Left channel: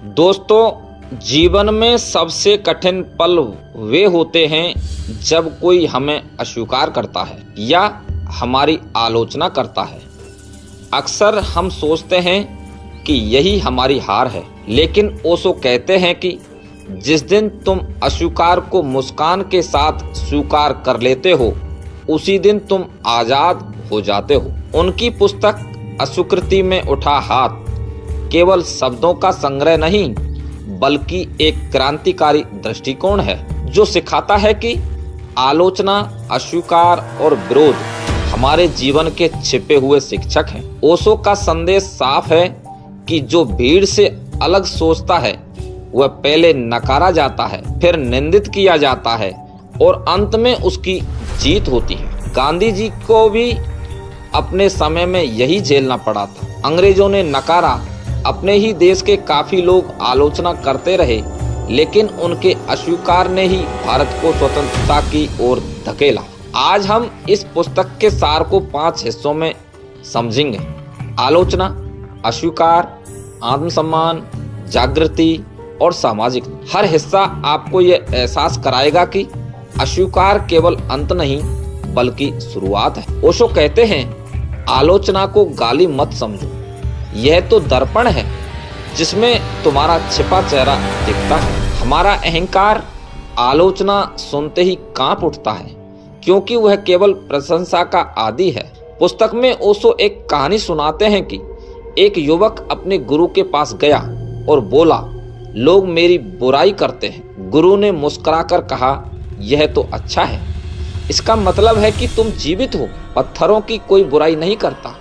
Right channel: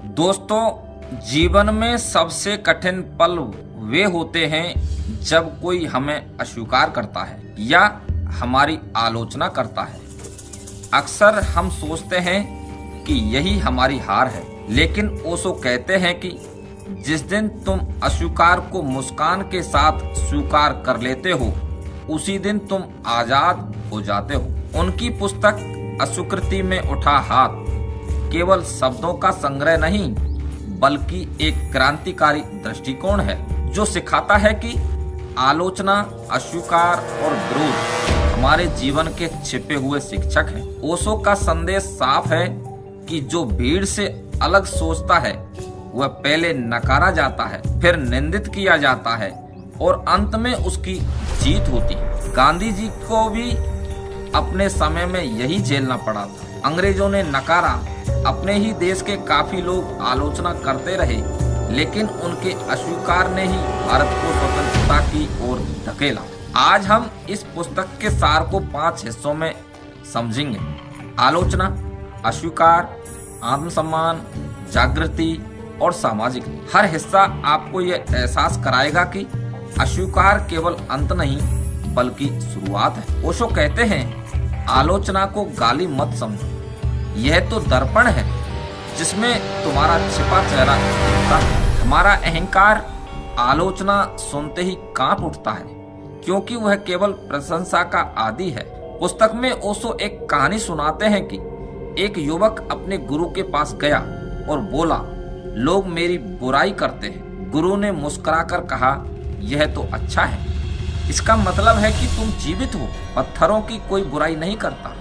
दोस्तों, जीवन में सबसे कठिन पल वे होते हैं जब कोई हमें अस्वीकार करता है या हमारी आलोचना करता है। अक्सर हम सोचते हैं कि यही हमारी हार है, लेकिन ओशो कहते हैं कि जिस दिन तुम अस्वीकार को मुस्कान के साथ स्वीकार कर लेते हो, उसी दिन तुम आजाद हो जाते हो। उनकी पुस्तक अस्वीकृति में उठा हाथ केवल शब्दों का संग्रह नहीं, बल्कि एक क्रांतिकारी दृष्टिकोण है जो सिखाता है कि आलोचना, अस्वीकार और विरोध हमारे जीवन के छिपे हुए शिक्षक हैं। ओशो का संदेश साफ है कि जो भीड़ से अलग सोचता है वह पहले नकारा जाता है, फिर निंदित किया जाता है और अंत में उसकी जीत होती है। गांधी जी को भी अपने समय में यही झेलना पड़ा था। अंग्रेजों ने नकारा, अपने ही देश के काफी लोग आलोचना करते रहे, लेकिन उनके अस्वीकार ने ही भारत को स्वतंत्रता की ओर धकेला। आज हम इस पुस्तक के सार को 5 हिस्सों में समझेंगे। आलोचना, अस्वीकार, आत्मसम्मान, जागृति और सामाजिक। हर हिस्सा आपको यह एहसास कराएगा कि अस्वीकार केवल अंत नहीं बल्कि शुरुआत है। ओशो कहते हैं, आलोचना को गाली मत समझो, यह तो दर्पण है जिसमें तुम्हारा छिपा चेहरा दिखता है। हमारा अहंकार आलोचना सुनते ही कांप उठता है, क्योंकि वह केवल प्रशंसा का आदी है। पुस्तक में ओशो एक कहानी सुनाते हैं कि एक युवक अपने गुरु के पास गया और बोला, लोग मेरी बुराई करते हैं। गुरु ने मुस्कुराकर कहा, यह तो अच्छा है, इसका मतलब है कि तुम जीवित हो। पत्थरों की कोई बुराई नहीं करता।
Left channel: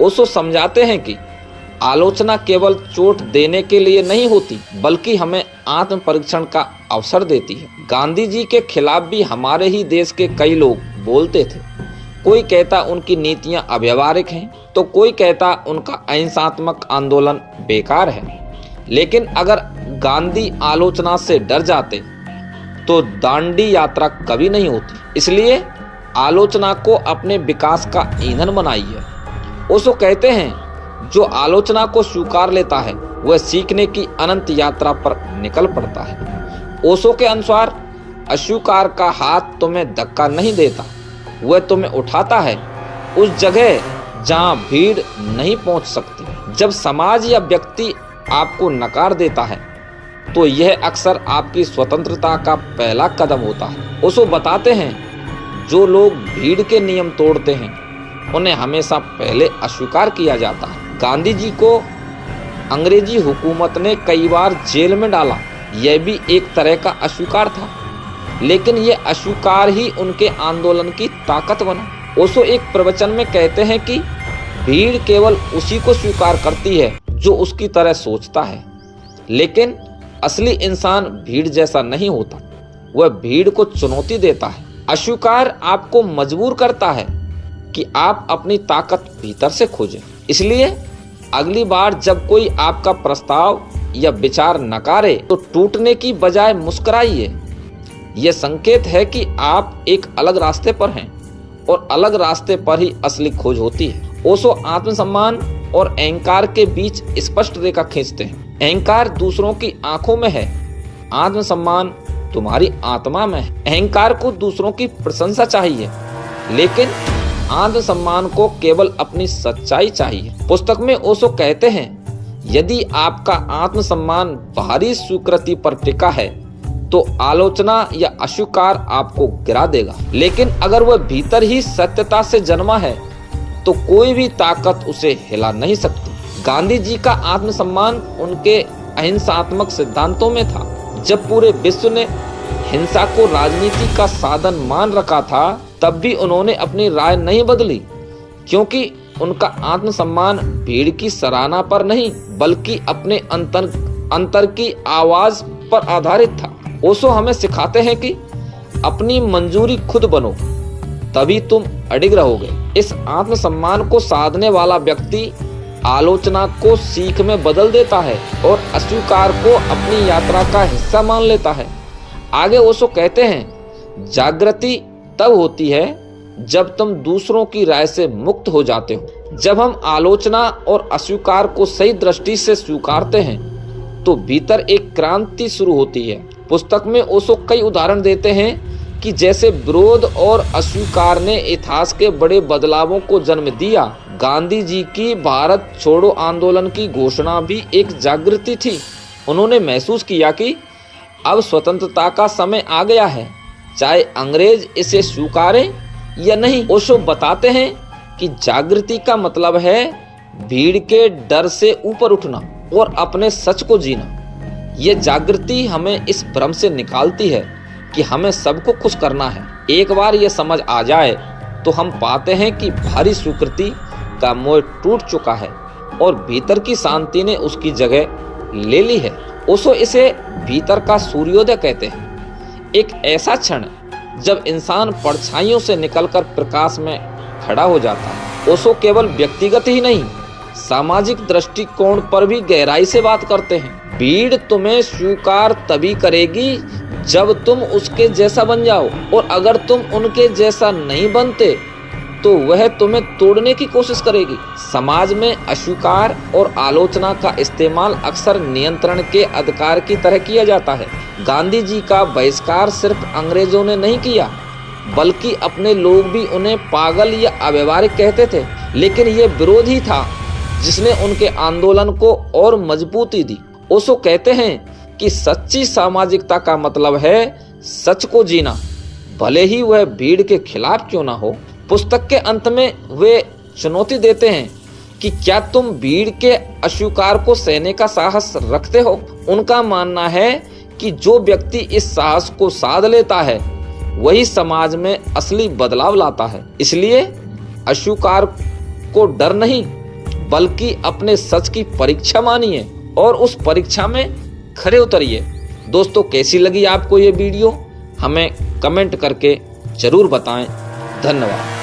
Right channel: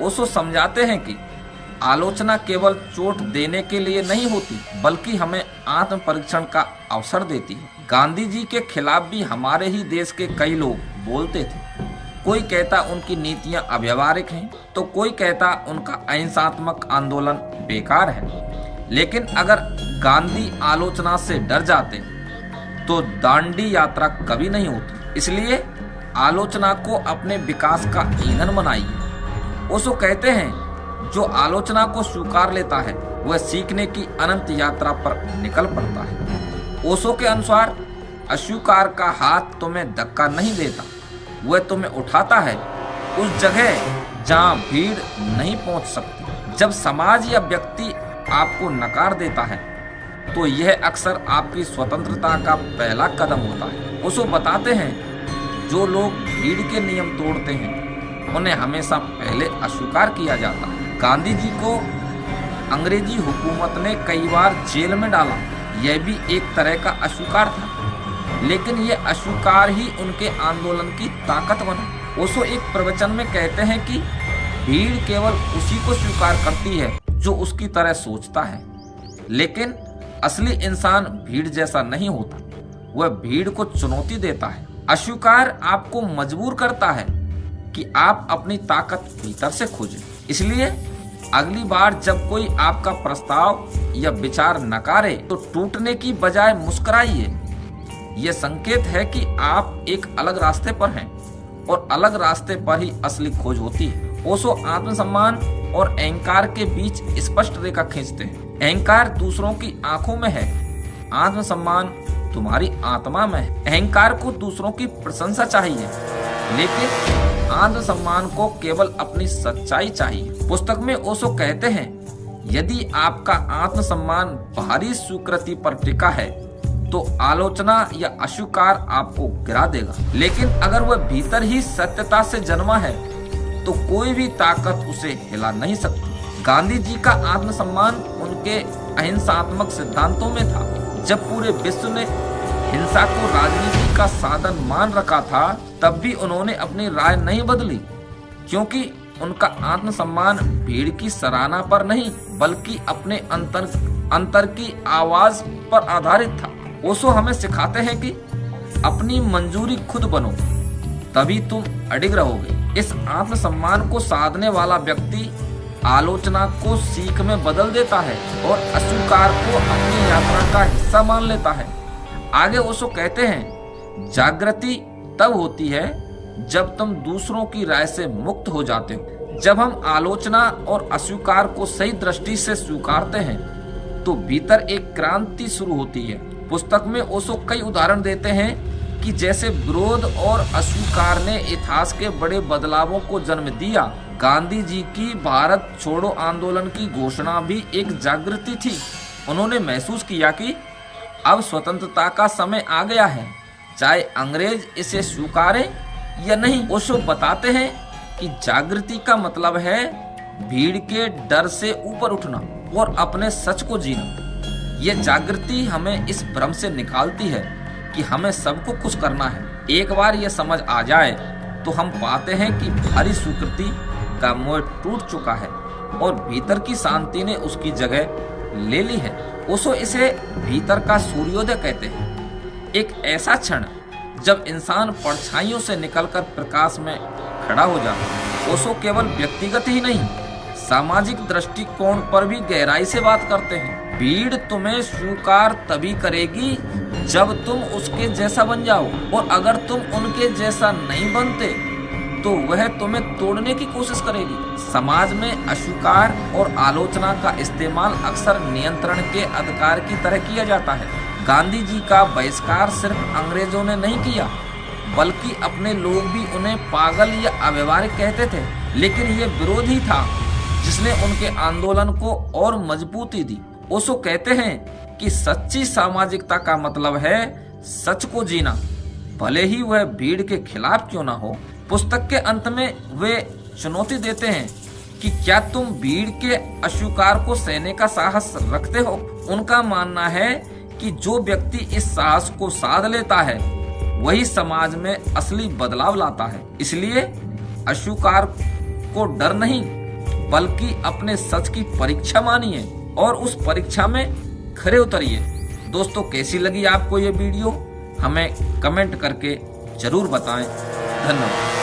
ओशो समझाते हैं कि आलोचना केवल चोट देने के लिए नहीं होती, बल्कि हमें आत्म परीक्षण का अवसर देती है। गांधी जी के खिलाफ भी हमारे ही देश के कई लोग बोलते थे। कोई कहता उनकी नीतियां अव्यावहारिक हैं, तो कोई कहता उनका अहिंसात्मक आंदोलन बेकार है। लेकिन अगर गांधी आलोचना से डर जाते तो दांडी यात्रा कभी नहीं होती। इसलिए आलोचना को अपने विकास का ईंधन बनाइए। ओशो कहते हैं, जो आलोचना को स्वीकार लेता है वह सीखने की अनंत यात्रा पर निकल पड़ता है। ओशो के अनुसार अस्वीकार का हाथ तुम्हें धक्का नहीं देता, वह तुम्हें उठाता है उस जगह जहां भीड़ नहीं पहुंच सकती। जब समाज या व्यक्ति आपको नकार देता है तो यह अक्सर आपकी स्वतंत्रता का पहला कदम होता है। ओशो बताते हैं, जो लोग भीड़ के नियम तोड़ते हैं उन्हें हमेशा पहले अस्वीकार किया जाता है। गांधी जी को अंग्रेजी हुकूमत ने कई बार जेल में डाला, यह भी एक तरह का अस्वीकार था, लेकिन यह अस्वीकार ही उनके आंदोलन की ताकत बना। ओशो एक प्रवचन में कहते हैं कि भीड़ केवल उसी को स्वीकार करती है जो उसकी तरह सोचता है, लेकिन असली इंसान भीड़ जैसा नहीं होता, वह भीड़ को चुनौती देता है। अस्वीकार आपको मजबूर करता है कि आप अपनी ताकत भीतर से खोजें। इसलिए अगली बार जब कोई आपका प्रस्ताव या विचार नकारे तो टूटने की बजाय मुस्कुराइए। यह संकेत है कि आप एक अलग रास्ते पर हैं और अलग रास्ते पर ही असली खोज होती है। ओशो आत्मसम्मान और अहंकार के बीच स्पष्ट रेखा खींचते हैं। अहंकार दूसरों की आंखों में है, आत्मसम्मान तुम्हारी आत्मा में है। अहंकार को दूसरों की प्रशंसा चाहिए, लेकिन आत्मसम्मान को केवल अपनी सच्चाई चाहिए। पुस्तक में ओशो कहते हैं, यदि आपका आत्मसम्मान बाहरी स्वीकृति पर टिका है तो आलोचना या अस्वीकार आपको गिरा देगा, लेकिन अगर वह भीतर ही सत्यता से जन्मा है तो कोई भी ताकत उसे हिला नहीं सकती। गांधी जी का आत्मसम्मान उनके अहिंसात्मक सिद्धांतों में था। जब पूरे विश्व ने हिंसा को राजनीति का साधन मान रखा था, तब भी उन्होंने अपनी राय नहीं बदली, क्योंकि उनका आत्मसम्मान भीड़ की सराहना पर नहीं बल्कि अपने अंतर की आवाज पर आधारित था। ओशो हमें सिखाते हैं कि अपनी मंजूरी खुद बनो, तभी तुम अडिग रहोगे। इस आत्मसम्मान को साधने वाला व्यक्ति आलोचना को सीख में बदल देता है और अस्वीकार को अपनी यात्रा का हिस्सा मान लेता है। आगे ओशो कहते हैं, जागृति तब होती है जब तुम दूसरों की राय से मुक्त हो जाते हो। जब हम आलोचना और अस्वीकार को सही दृष्टि से स्वीकारते हैं तो भीतर एक क्रांति शुरू होती है। पुस्तक में ओशो कई उदाहरण देते हैं कि जैसे विरोध और अस्वीकार ने इतिहास के बड़े बदलावों को जन्म दिया। गांधी जी की भारत छोड़ो आंदोलन की घोषणा भी एक जागृति थी। उन्होंने महसूस किया कि अब स्वतंत्रता का समय आ गया है, चाहे अंग्रेज इसे स्वीकारें या नहीं। ओशो बताते हैं कि जागृति का मतलब है भीड़ के डर से ऊपर उठना और अपने सच को जीना। ये जागृति हमें इस भ्रम से निकालती है कि हमें सबको खुश करना है। एक बार ये समझ आ जाए तो हम पाते हैं कि भारी स्वीकृति का मोह टूट चुका है और भीतर की शांति ने उसकी जगह ले ली है। ओशो इसे भीतर का सूर्योदय कहते हैं, एक ऐसा क्षण जब इंसान परछाइयों से निकलकर प्रकाश में खड़ा हो जाता है। ओशो केवल व्यक्तिगत ही नहीं, सामाजिक दृष्टिकोण पर भी गहराई से बात करते हैं। भीड़ तुम्हें स्वीकार तभी करेगी जब तुम उसके जैसा बन जाओ, और अगर तुम उनके जैसा नहीं बनते तो वह तुम्हें तोड़ने की कोशिश करेगी। समाज में अस्वीकार और आलोचना का इस्तेमाल अक्सर नियंत्रण के अधिकार की तरह किया जाता है। गांधी जी का बहिष्कार सिर्फ अंग्रेजों ने नहीं किया, बल्कि अपने लोग भी उन्हें पागल या अव्यवहारिक कहते थे। लेकिन ये विरोध ही था जिसने उनके आंदोलन को और मजबूती दी। ओशो कहते हैं कि सच्ची सामाजिकता का मतलब है सच को जीना, भले ही वह भीड़ के खिलाफ क्यों ना हो। पुस्तक के अंत में वे चुनौती देते हैं कि क्या तुम भीड़ के अस्वीकार को सहने का साहस रखते हो। उनका मानना है कि जो व्यक्ति इस साहस को साध लेता है वही समाज में असली बदलाव लाता है। इसलिए अस्वीकार को डर नहीं, बल्कि अपने सच की परीक्षा मानिए और उस परीक्षा में खरे उतरिए। दोस्तों, कैसी लगी आपको ये वीडियो? हमें कमेंट करके जरूर बताएं। धन्यवाद।